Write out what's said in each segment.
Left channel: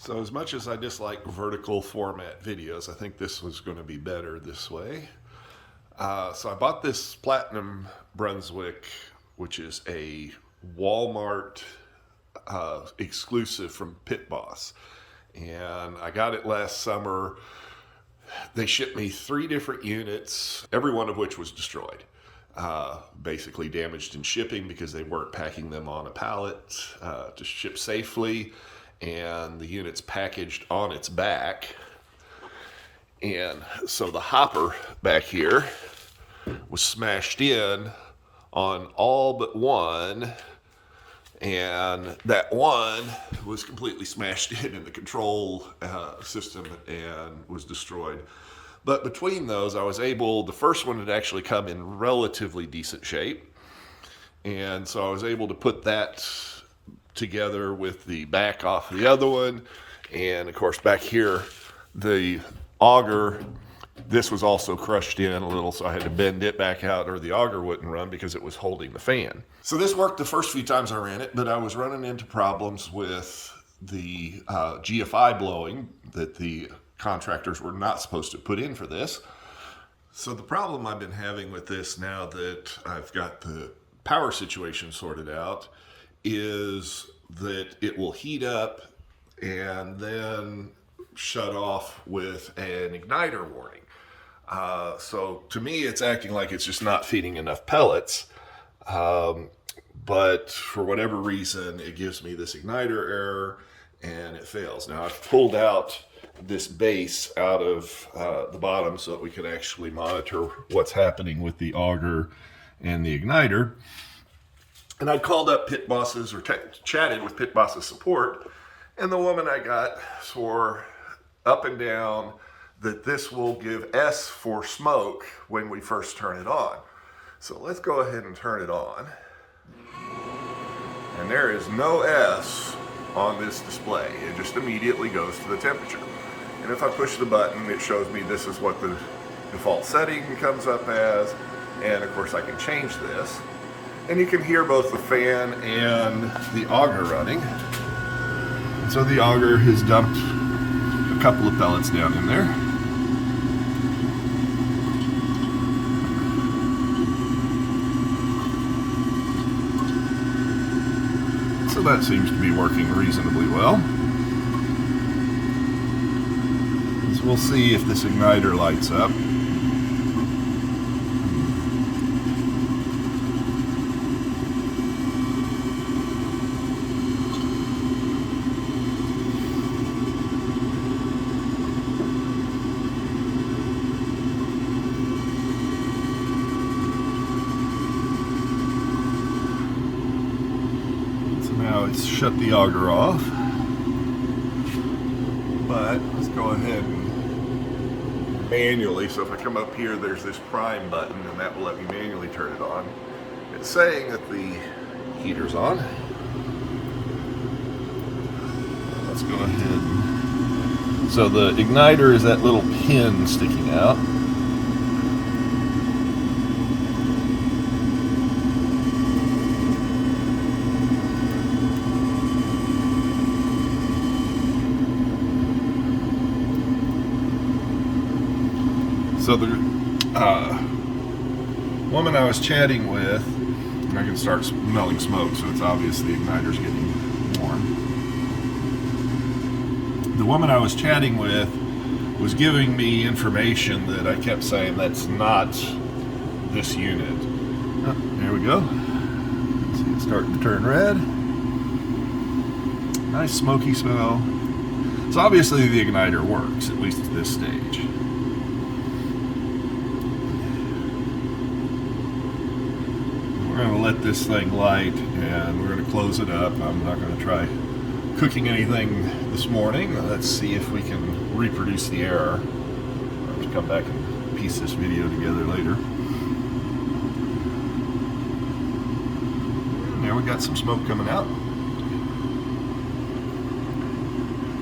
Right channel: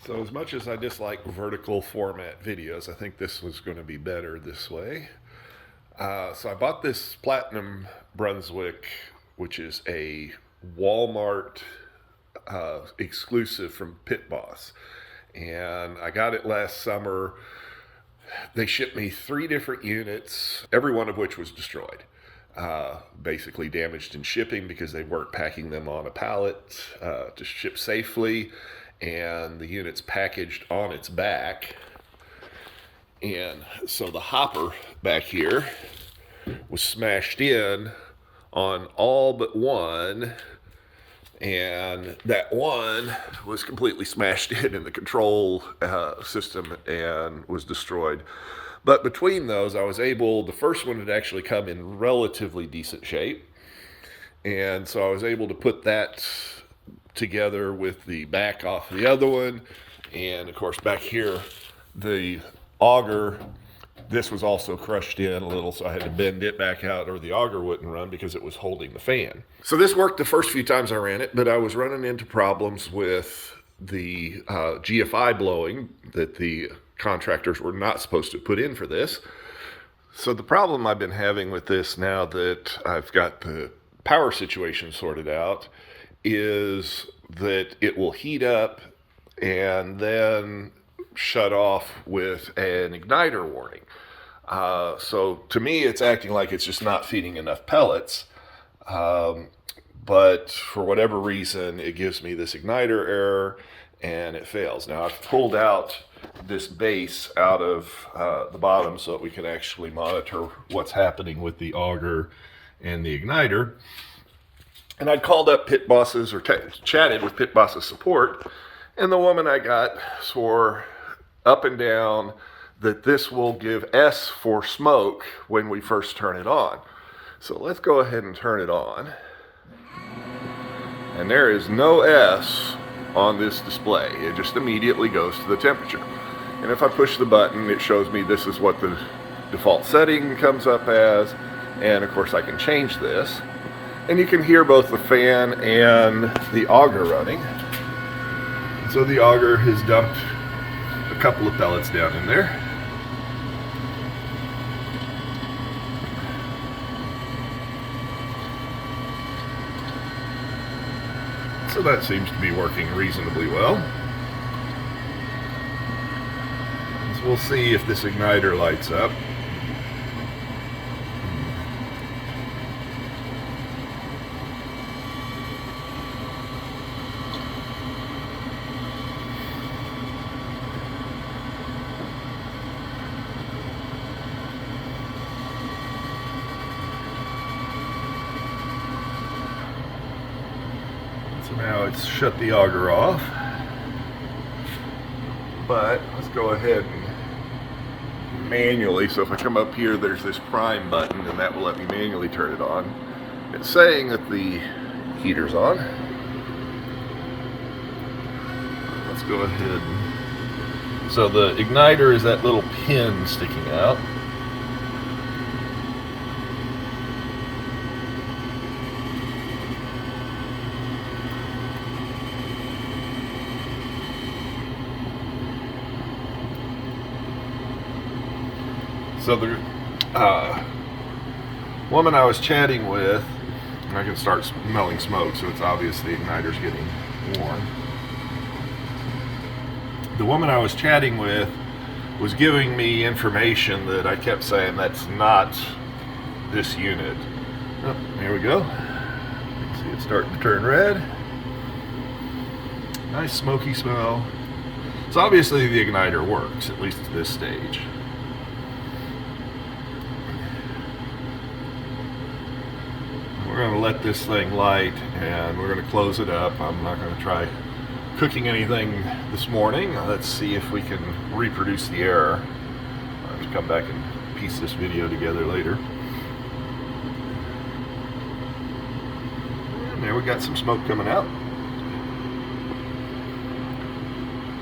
So as much as I dislike vertical format videos, I think this was going to be better this way. So I bought this Platinum Brunswick, which is a Wal-Mart exclusive from Pit Boss. And I got it last summer. They shipped me 3 different units, every one of which was destroyed. Basically damaged in shipping because they weren't packing them on a pallet to ship safely. And the unit's packaged on its back. And so the hopper back here was smashed in on all but one, and that one was completely smashed in the control system and was destroyed. But between those, I was able, the first one had actually come in relatively decent shape, and so I was able to put that together with the back off the other one. And of course back here, the auger, this was also crushed in a little, so I had to bend it back out or the auger wouldn't run because it was holding the fan. So this worked the first few times I ran it, but I was running into problems with the GFI blowing that the contractors were not supposed to put in for this. So the problem I've been having with this now that I've got the power situation sorted out is that it will heat up and then shut off with an igniter warning. So to me, it's acting like it's just not feeding enough pellets. But for whatever reason, it gives me this igniter error and it fails. Now I've pulled out this base out of the bottom so that we can actually monitor what's happening with the auger and the igniter. And I called up Pit Boss's or chatted with Pit Boss's support, and the woman I got swore up and down that this will give S for smoke when we first turn it on. So let's go ahead and turn it on. And there is no S on this display. It just immediately goes to the temperature. And if I push the button, it shows me this is what the default setting comes up as. And of course I can change this. And you can hear both the fan and the auger running. And so the auger has dumped a couple of pellets down in there. So that seems to be working reasonably well. So we'll see if this igniter lights up. Now it's shut the auger off, but let's go ahead and manually, so if I come up here, there's this prime button and that will let me manually turn it on. It's saying that the heater's on. Let's go ahead. So the igniter is that little pin sticking out. So the woman I was chatting with, I can start smelling smoke, so it's obvious the igniter's getting warm. The woman I was chatting with was giving me information that I kept saying that's not this unit. Oh, there we go. See it starting to turn red. Nice smoky smell. So obviously the igniter works, at least at this stage. We're going to let this thing light and we're going to close it up. I'm not going to try cooking anything this morning. Let's see if we can reproduce the error. I'll have to come back and piece this video together later. And there we got some smoke coming out.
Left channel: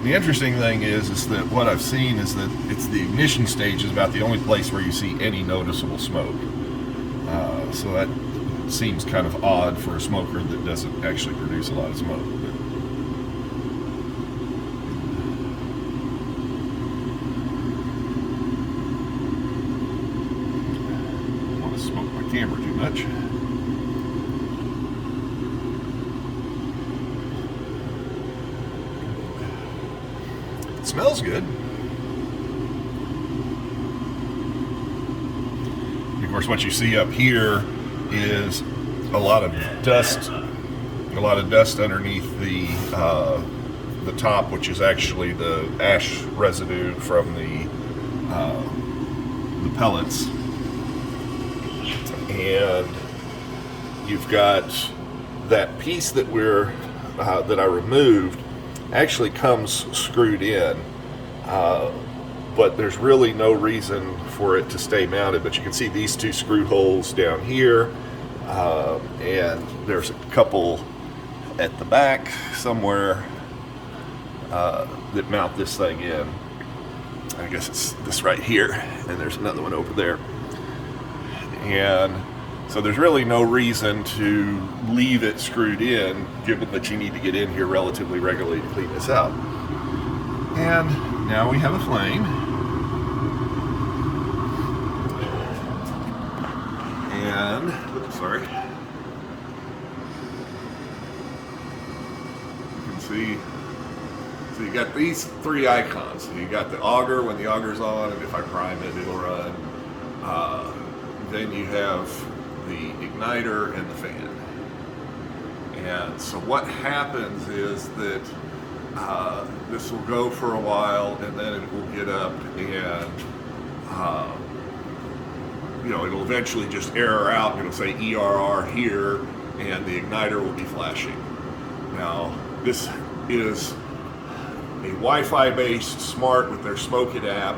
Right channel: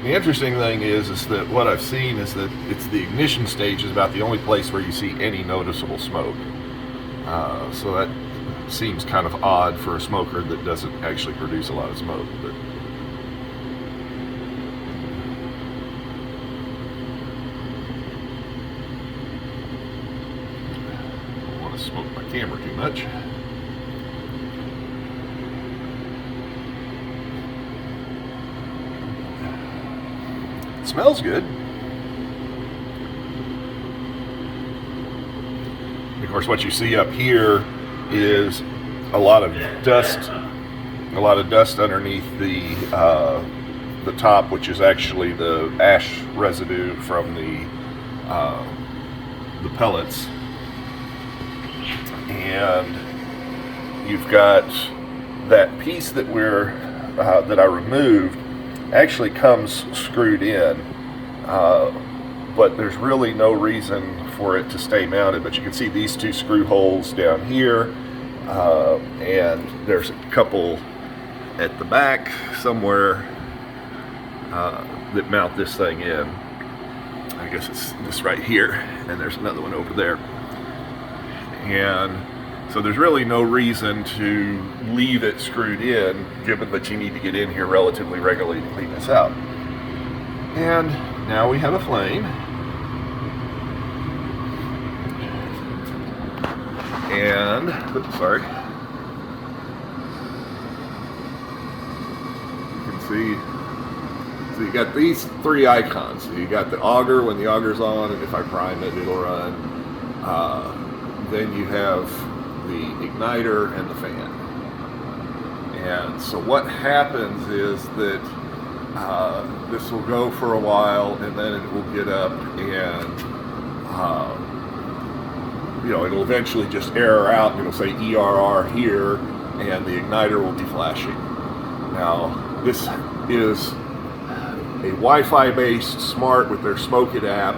The interesting thing is that what I've seen is that it's the ignition stage is about the only place where you see any noticeable smoke. So that seems kind of odd for a smoker that doesn't actually produce a lot of smoke. But camera too much. It smells good. And of course, what you see up here is a lot of dust underneath the top, which is actually the ash residue from the pellets. And you've got that piece that that I removed actually comes screwed in, but there's really no reason for it to stay mounted. But you can see these two screw holes down here, and there's a couple at the back somewhere that mount this thing in. I guess it's this right here, and there's another one over there. And so there's really no reason to leave it screwed in, given that you need to get in here relatively regularly to clean this out. And now we have a flame. And, sorry. You can see, so you got these three icons. So you got the auger when the auger's on, and if I prime it, it'll run. Then you have the igniter and the fan. And so what happens is that this will go for a while, and then it will get up and it'll eventually just error out, and it'll say ERR here, and the igniter will be flashing. Now, this is a Wi-Fi based smart with their Smoke It app.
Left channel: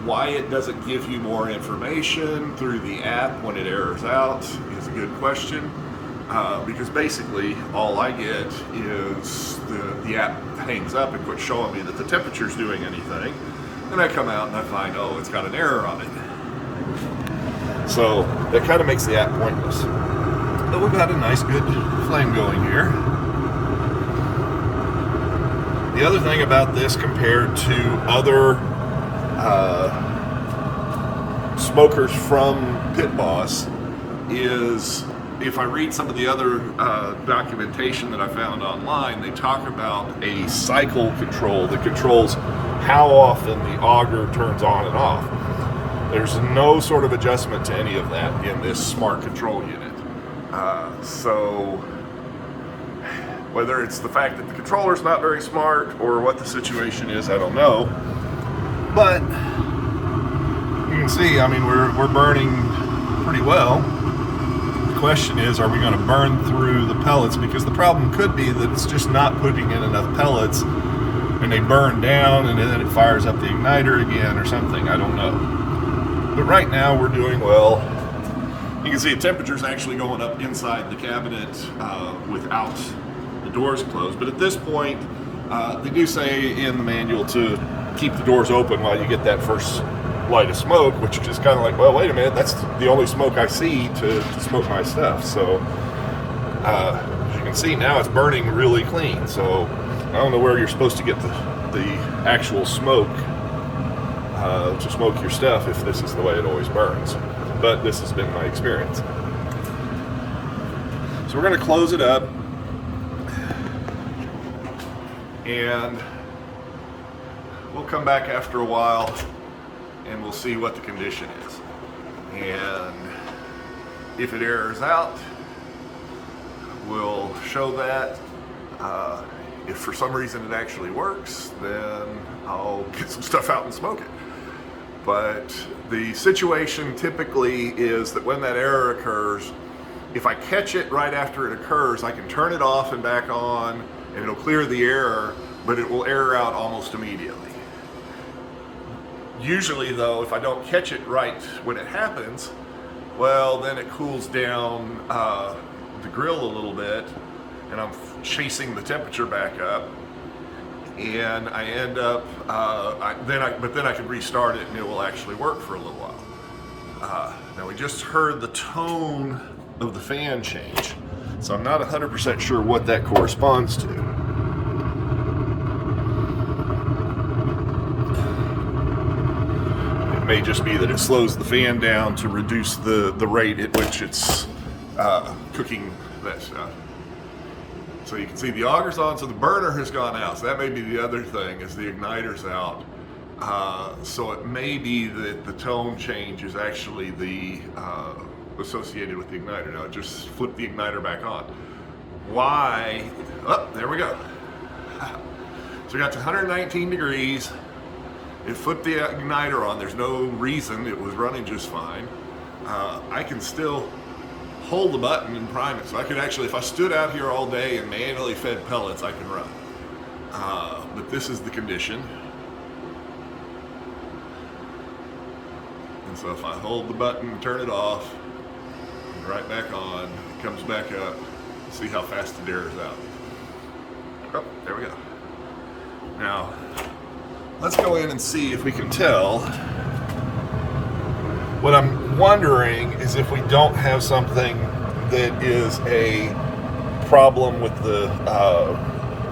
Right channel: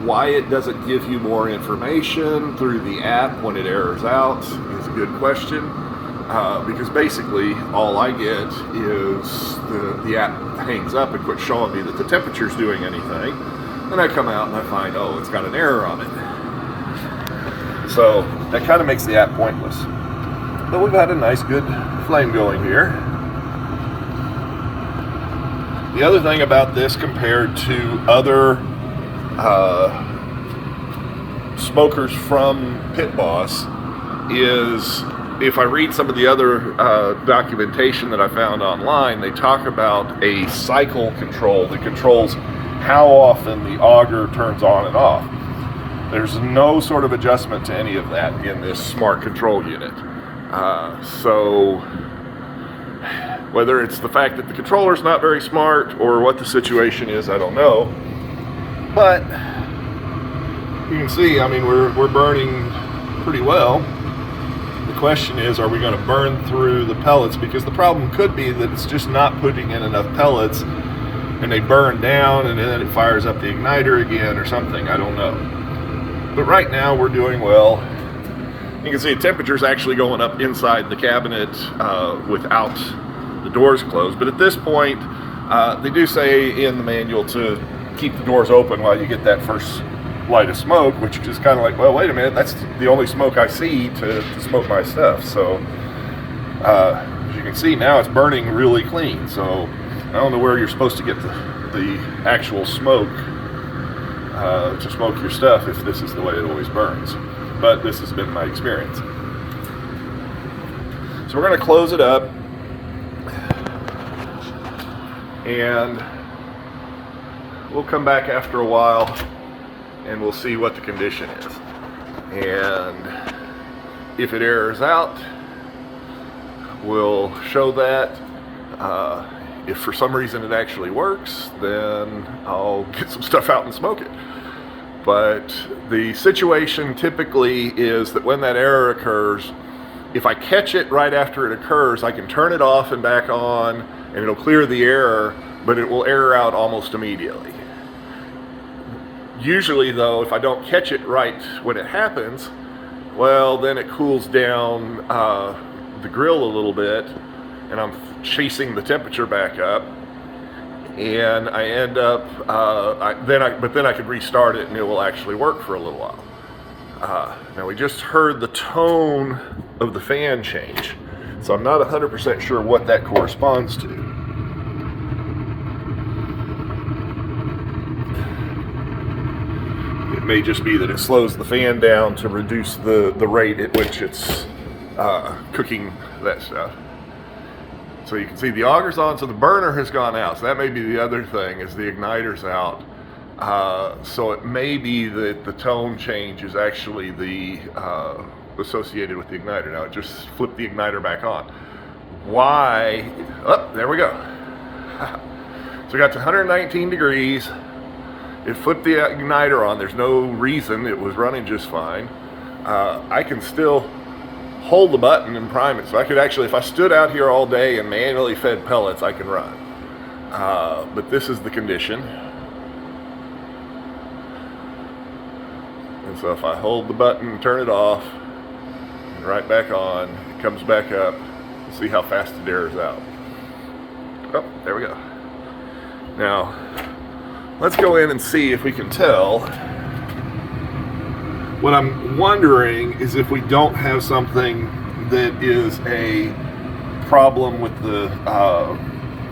Why it doesn't give you more information through the app when it errors out is a good question, because basically all I get is the app hangs up and quits showing me that the temperature's doing anything. Then I come out and I find, oh, it's got an error on it. So that kind of makes the app pointless. But we've had a nice good flame going here. The other thing about this compared to other smokers from Pit Boss is, if I read some of the other documentation that I found online, they talk about a cycle control that controls how often the auger turns on and off. There's no sort of adjustment to any of that in this smart control unit. So whether it's the fact that the controller's not very smart or what the situation is, I don't know. But you can see, I mean, we're burning pretty well. The question is, are we going to burn through the pellets? Because the problem could be that it's just not putting in enough pellets, and they burn down, and then it fires up the igniter again or something. I don't know. But right now we're doing well. You can see the temperature's actually going up inside the cabinet without the doors closed. But at this point, they do say in the manual to keep the doors open while you get that first light of smoke, which is kind of like, well, wait a minute, that's the only smoke I see to smoke my stuff. So as you can see now, it's burning really clean. So I don't know where you're supposed to get the actual smoke to smoke your stuff if this is the way it always burns. But this has been my experience. So we're going to close it up, and we'll come back after a while and we'll see what the condition is. And if it errors out, we'll show that. If for some reason it actually works, then I'll get some stuff out and smoke it. But the situation typically is that when that error occurs, if I catch it right after it occurs, I can turn it off and back on, and it'll clear the error, but it will error out almost immediately. Usually though, if I don't catch it right when it happens, well, then it cools down the grill a little bit, and I'm chasing the temperature back up, and I end up, but then I can restart it and it will actually work for a little while. Now we just heard the tone of the fan change, so I'm not 100% sure what that corresponds to. may just be that it slows the fan down to reduce the rate at which it's cooking that stuff. So you can see the auger's on, so the burner has gone out. So that may be the other thing, is the igniter's out. So it may be that the tone change is actually the associated with the igniter. Now, just flip the igniter back on. Why? Oh, there we go. So we got to 119 degrees. It flipped the igniter on. There's no reason. It was running just fine. I can still hold the button and prime it. So I could actually, if I stood out here all day and manually fed pellets, I can run. But this is the condition. And so if I hold the button and turn it off, and right back on, it comes back up, see how fast it airs out. Oh, there we go. Now, let's go in and see if we can tell. What I'm wondering is if we don't have something that is a problem with the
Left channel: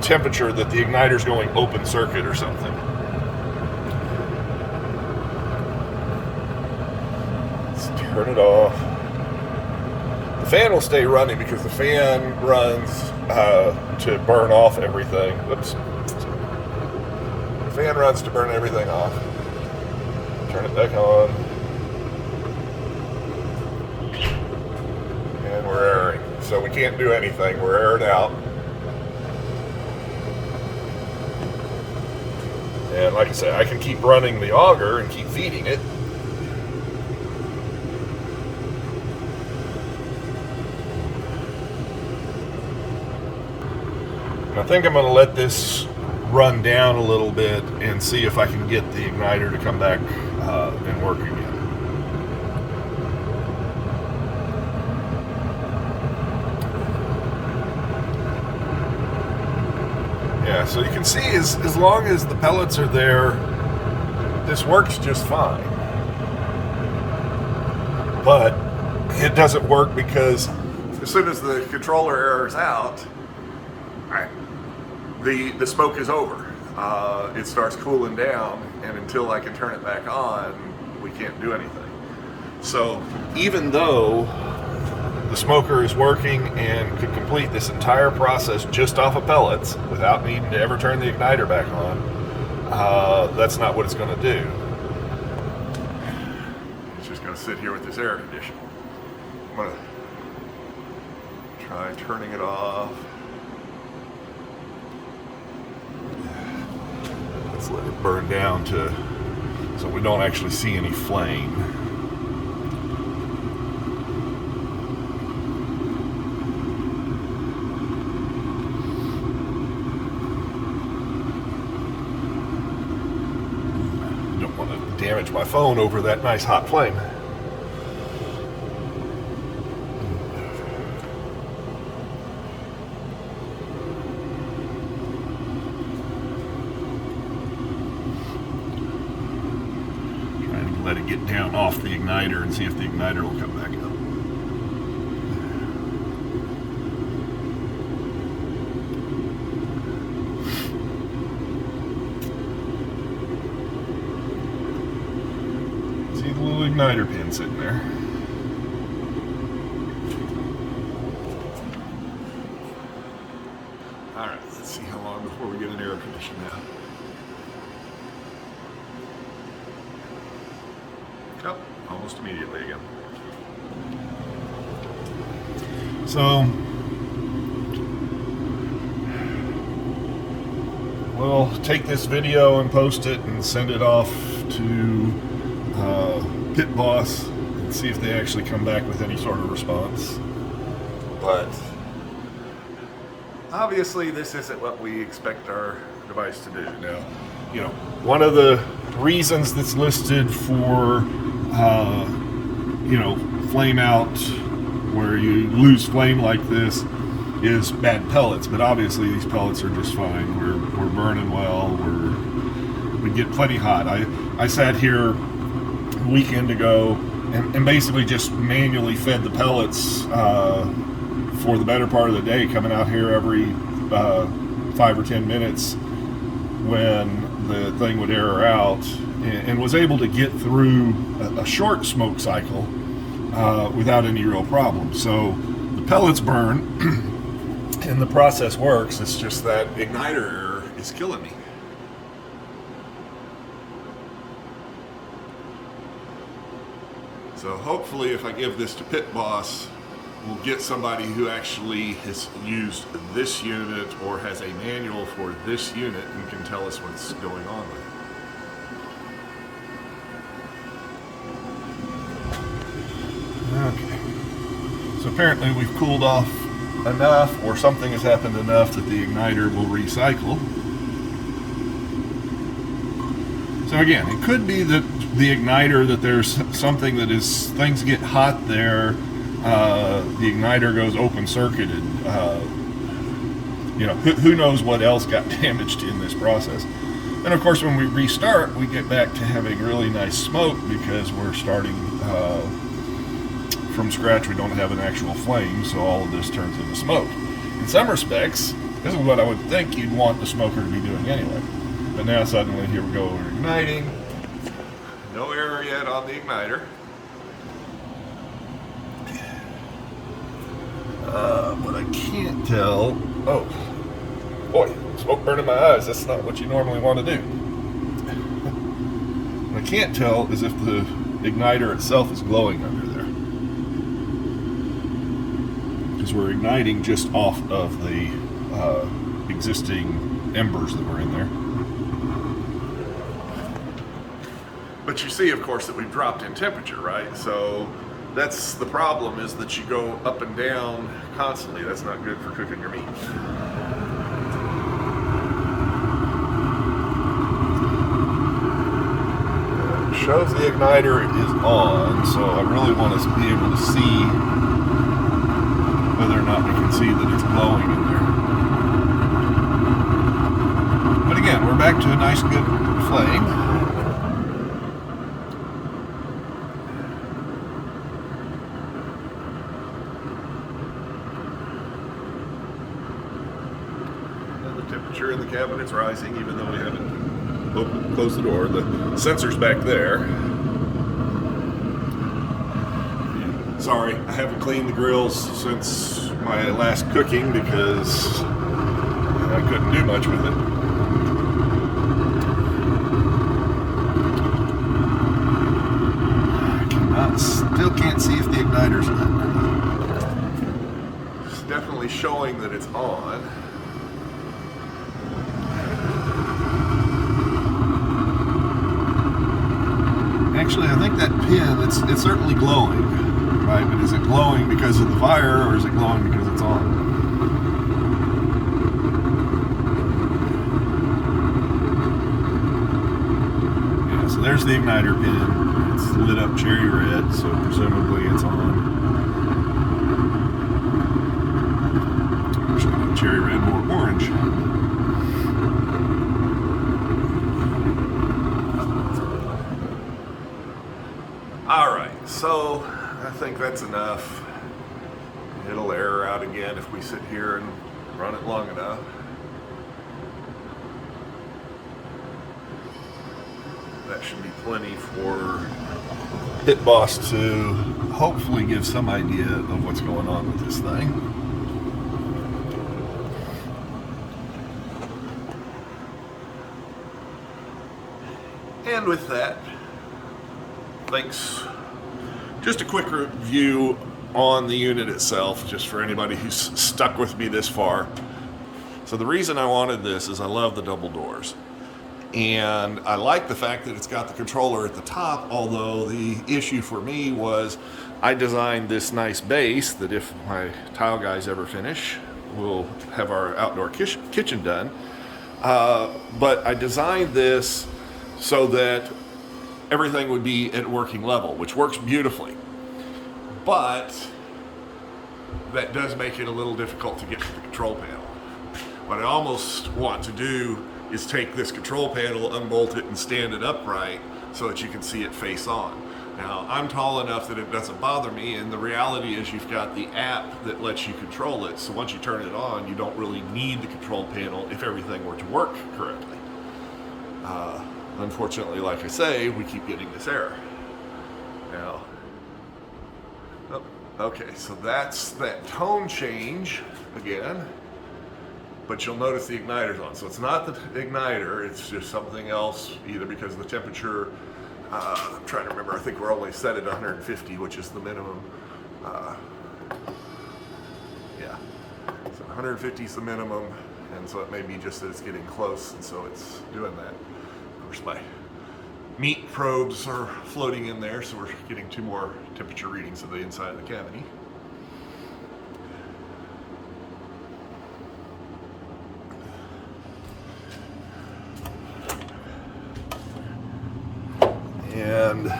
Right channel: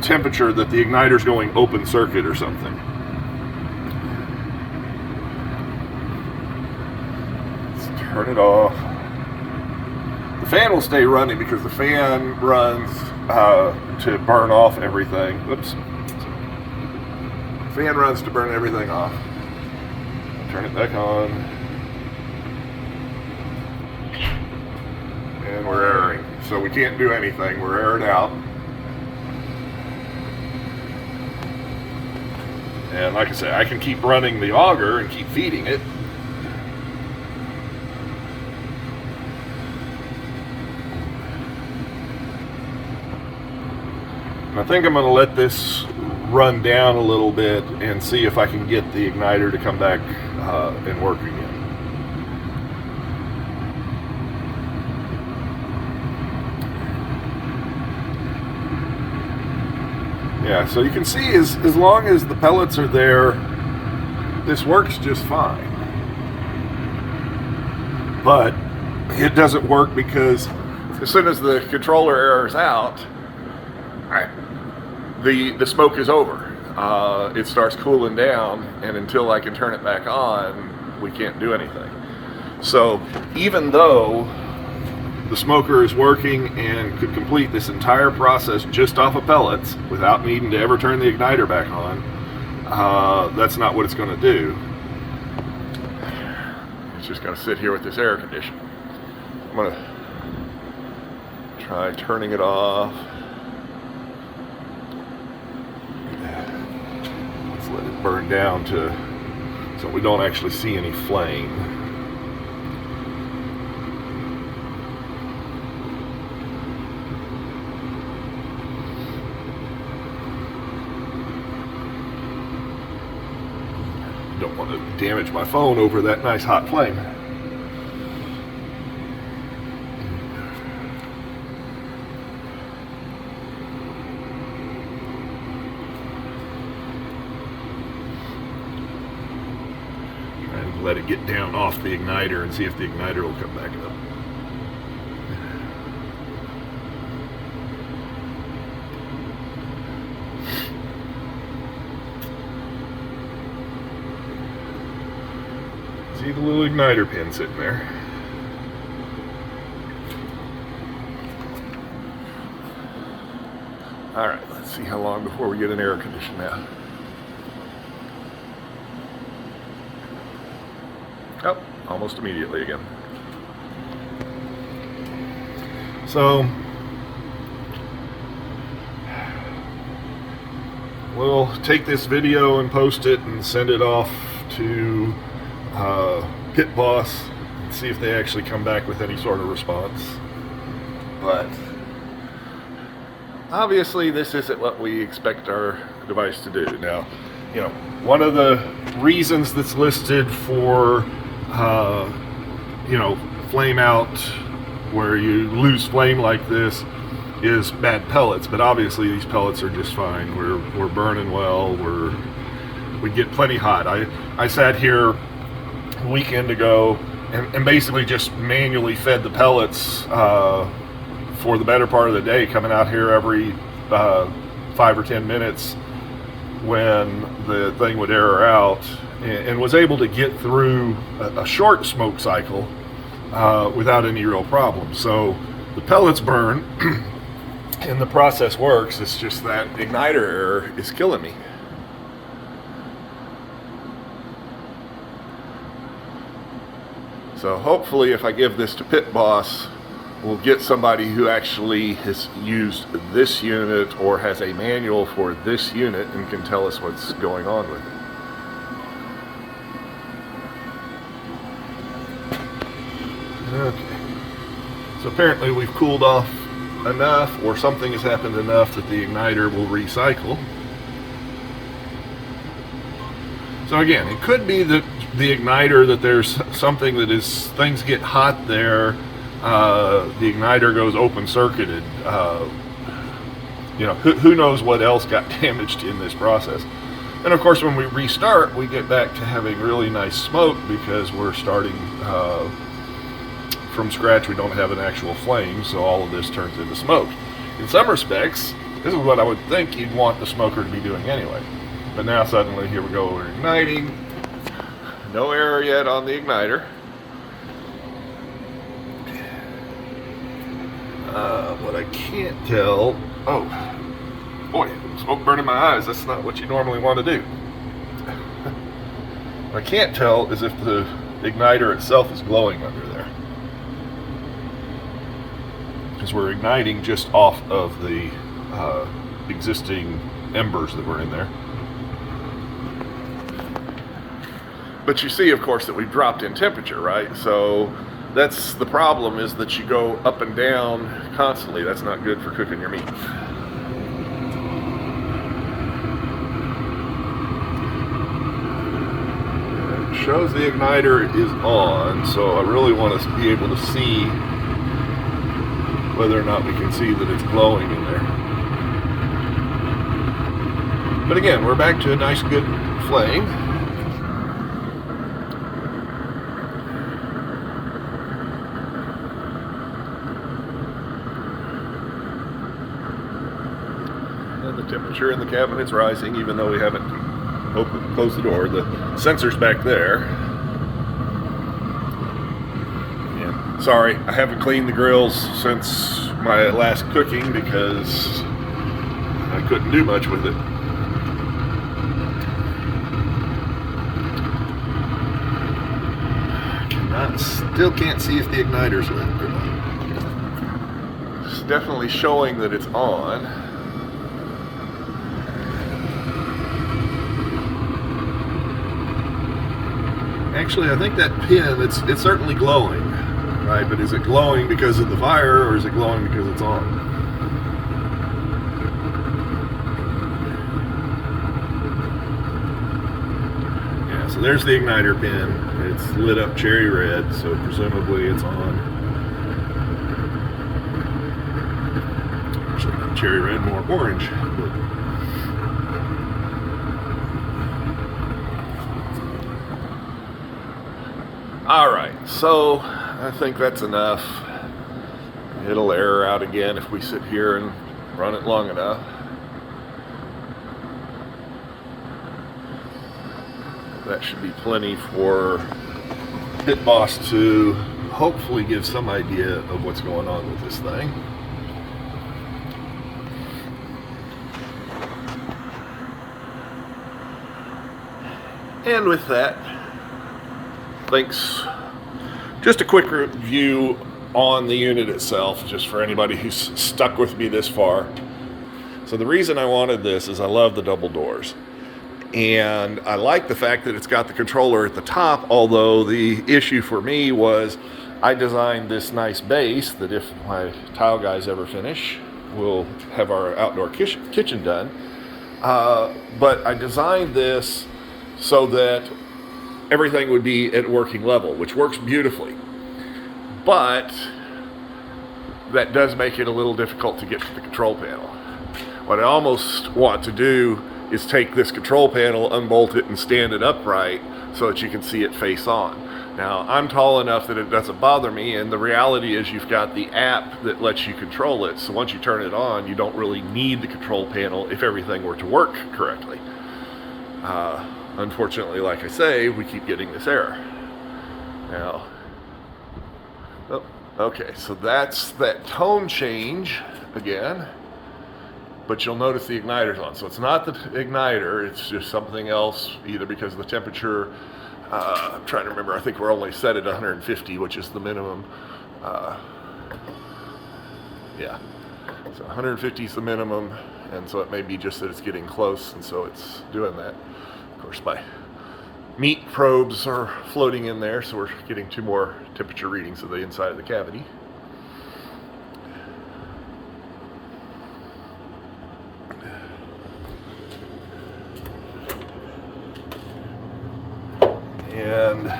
temperature, that the igniter's going open circuit or something. Let's turn it off. The fan will stay running because the fan runs to burn off everything. Oops. The fan runs to burn everything off. Turn it back on. And we're airing. So we can't do anything. We're aired out. And like I said, I can keep running the auger and keep feeding it. And I think I'm going to let this run down a little bit and see if I can get the igniter to come back and work again. Yeah, so you can see as long as the pellets are there, this works just fine. But it doesn't work because as soon as the controller airs out, the smoke is over. It starts cooling down, and until I can turn it back on, we can't do anything. So even though the smoker is working and could complete this entire process just off of pellets without needing to ever turn the igniter back on, that's not what it's going to do. It's just going to sit here with this air conditioner. I'm going to try turning it off. Let's let it burn down to so we don't actually see any flame. Don't want to damage my phone over that nice hot flame. Let it get down off the igniter and see if the igniter will come back up. See the little igniter pin sitting there. All right, let's see how long before we get an air conditioner now. Oh, almost immediately again. So we'll take this video and post it and send it off to Pit Boss and see if they actually come back with any sort of response. But obviously this isn't what we expect our device to do. Now, you know, one of the reasons that's listed for you know, flame out, where you lose flame like this, is bad pellets. But obviously these pellets are just fine. We're burning well. We get plenty hot. I sat here a weekend ago and basically just manually fed the pellets for the better part of the day, coming out here every 5 or 10 minutes when the thing would air out, and was able to get through a short smoke cycle without any real problem. So the pellets burn and the process works. It's just that igniter error is killing me. So hopefully if I give this to Pit Boss, we'll get somebody who actually has used this unit or has a manual for this unit and can tell us what's going on with it. Okay. So apparently we've cooled off enough, or something has happened enough that the igniter will recycle. So again, it could be that the igniter, that there's something that is, things get hot there, the igniter goes open circuited. You know, who knows what else got damaged in this process. And of course when we restart, we get back to having really nice smoke because we're starting from scratch. We don't have an actual flame, so all of this turns into smoke. In some respects, this is what I would think you'd want the smoker to be doing anyway. But now suddenly, here we go, we're igniting. No air yet on the igniter. What I can't tell, oh boy, smoke burning my eyes. That's not what you normally want to do. What I can't tell is if the igniter itself is glowing under there, because we're igniting just off of the existing embers that were in there. But you see, of course, that we dropped in temperature, right? So that's the problem, is that you go up and down constantly. That's not good for cooking your meat. It shows the igniter is on, so I really want to be able to see whether or not we can see that it's glowing in there. But again, we're back to a nice good flame. In the cabinet's rising, even though we haven't closed the door. The sensor's back there. And sorry, I haven't cleaned the grills since my last cooking because I couldn't do much with it. Still can't see if the igniter's lit. It's definitely showing that it's on. Actually, I think that pin, it's certainly glowing, right? But is it glowing because of the fire, or is it glowing because it's on? Yeah, so there's the igniter pin. It's lit up cherry red, so presumably it's on. Actually, not cherry red, more orange. So I think that's enough. It'll air out again if we sit here and run it long enough. That should be plenty for Pit Boss to hopefully give some idea of what's going on with this thing. And with that, thanks. Just a quick review on the unit itself, just for anybody who's stuck with me this far. So the reason I wanted this is I love the double doors. And I like the fact that it's got the controller at the top, although the issue for me was I designed this nice base that if my tile guys ever finish, we'll have our outdoor kitchen done. But I designed this so that everything would be at working level, which works beautifully. But that does make it a little difficult to get to the control panel. What I almost want to do is take this control panel, unbolt it, and stand it upright so that you can see it face on. Now, I'm tall enough that it doesn't bother me, and the reality is you've got the app that lets you control it, so once you turn it on, you don't really need the control panel if everything were to work correctly. Unfortunately, like I say, we keep getting this error. Now, oh, okay, so that's that tone change again, but you'll notice the igniter's on. So it's not the igniter, it's just something else, either because the temperature, I'm trying to remember, I think we're only set at 150, which is the minimum. Yeah, so 150 is the minimum, and so it may be just that it's getting close, and so it's doing that. Of course, my meat probes are floating in there, so we're getting 2 more temperature readings of the inside of the cavity. And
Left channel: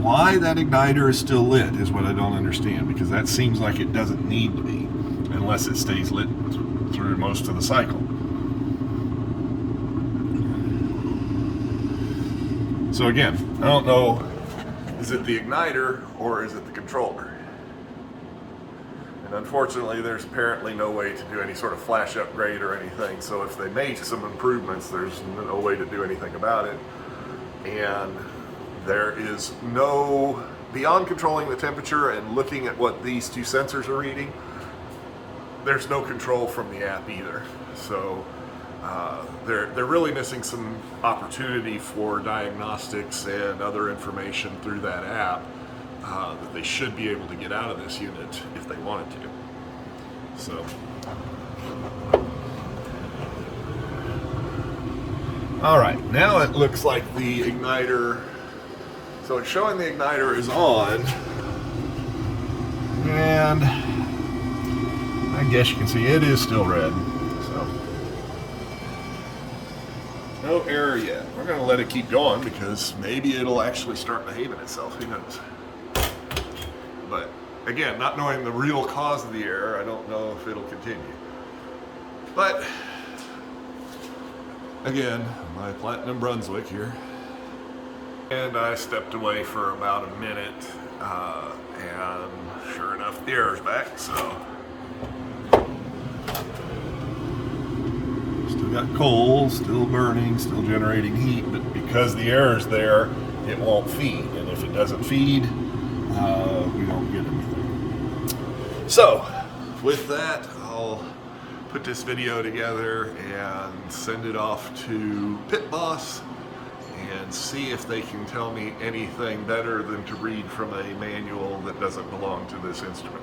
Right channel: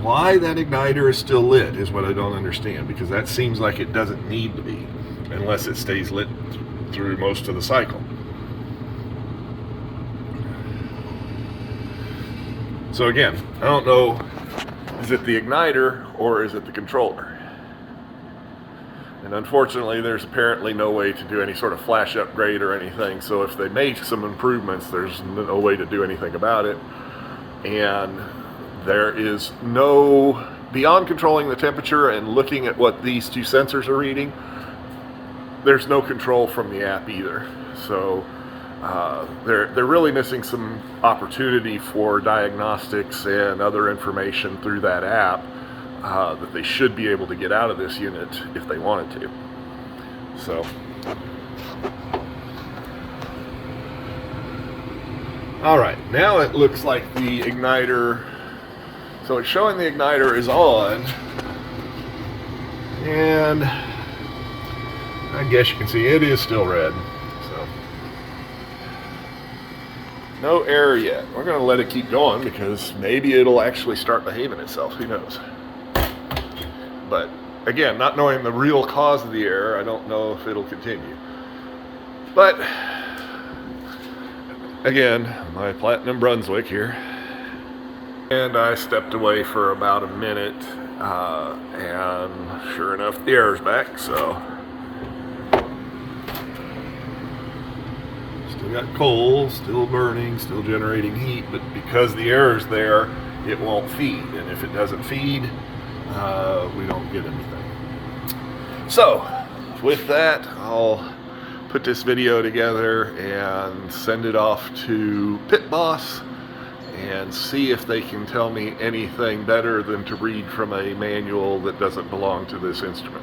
why that igniter is still lit is what I don't understand, because that seems like it doesn't need to be unless it stays lit through most of the cycle. So again, I don't know, is it the igniter or is it the controller? And unfortunately, there's apparently no way to do any sort of flash upgrade or anything. So if they make some improvements, there's no way to do anything about it. And there is no, beyond controlling the temperature and looking at what these 2 sensors are reading, there's no control from the app either. So they're really missing some opportunity for diagnostics and other information through that app that they should be able to get out of this unit if they wanted to. So, all right, now it looks like the igniter, so it's showing the igniter is on, and I guess you can see it is still red. So no error yet. We're going to let it keep going because maybe it'll actually start behaving itself. Who knows? But again, not knowing the real cause of the error, I don't know if it'll continue. But again, my platinum Brunswick here. And I stepped away for about a minute, and sure enough, the error's back, so. Still got coal, still burning, still generating heat, but because the error's there, it won't feed. And if it doesn't feed, we don't get anything. So, with that, I'll put this video together and send it off to Pit Boss and see if they can tell me anything better than to read from a manual that doesn't belong to this instrument.